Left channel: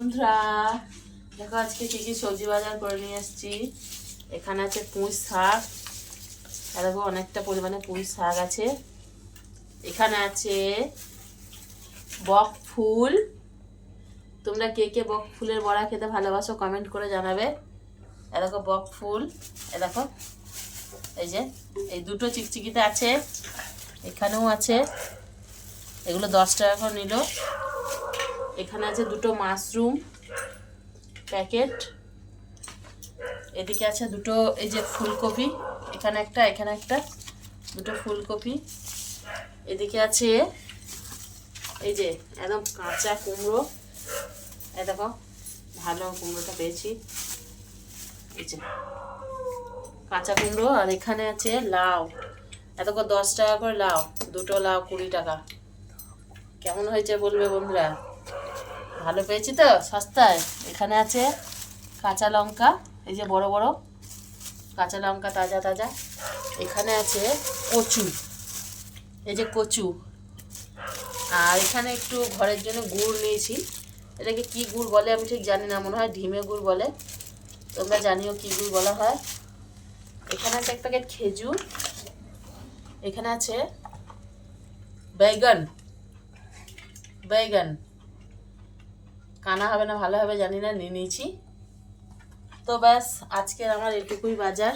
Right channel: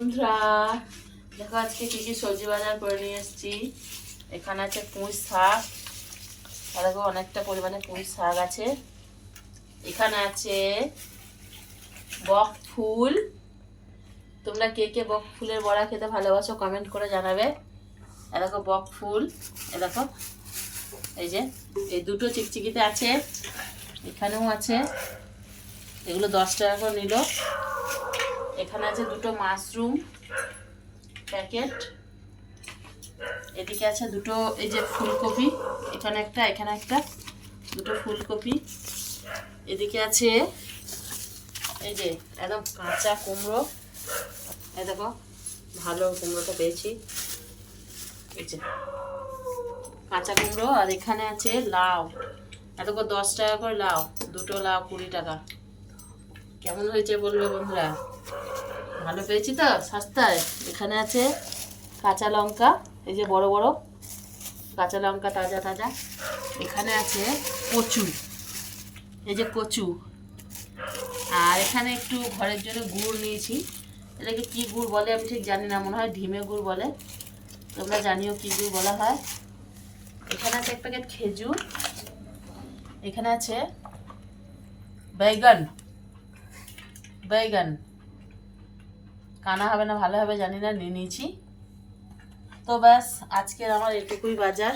বন্ধুরা দেখো আজকে কি কি সবজি বাজার করে নিয়ে এসেছি। এখানে আছে পুঁই শাক, আর দেখো অনেকটা পরিমাণে পুঁই শাক আছে। এখানে আছে বক ফুল। তোমরা কে কে বক ফুলের বড়া খেতে ভালোবাসো কমেন্ট করে জানাবে। এ দেখো বক ফুল, এ দেখো এই যে এই দুটো চিকচিকিতে আছে, এখানেও আছে, এগুলো 10 টাকা করে নিল। এখানে আছে দুটো মাশরুম প্যাকেট, এদিকে আছে দুটো এই যে ফুলকপি, এখানে একটা দুটো ফুলকপি। এদিকে আছে এই যে একদম কাঁচা কুমড়ো, এই দেখো ভালো কুমড়োটা পেয়েছি, এই যে কাঁচা কুমড়ো। আর এখানে আছে লাউ, দেখো 10 টাকা করে লাউ, দুটো লাউ 20 টাকা। কেমন হয়েছে বলবে বন্ধুরা, ভালো পেয়েছি তো সস্তায়। এখানে আছে কাঁচা লঙ্কা, এই যে বড় বড় কাঁচা লঙ্কা তাজা তাজা। এখানে আছে কচু, এই যে কচু। আর এখানে একটু ঘরের জন্য গুড় নিয়েছি, এটাকে কি গুড় বলে আমি ঠিক জানি না, মনে হয় ঢিমে গুড় বলে, তোমরা জানিও কি গুড় বলা হয়। এখানে আছে এক প্যাকেট খেজুর। এখানে আছে বেগুন, বেগুন কানা হবে না ভালো হবে জানি না, নিয়ে নিয়েছি। তো ব্যাস আজকের আমার এটুকুই বাজার।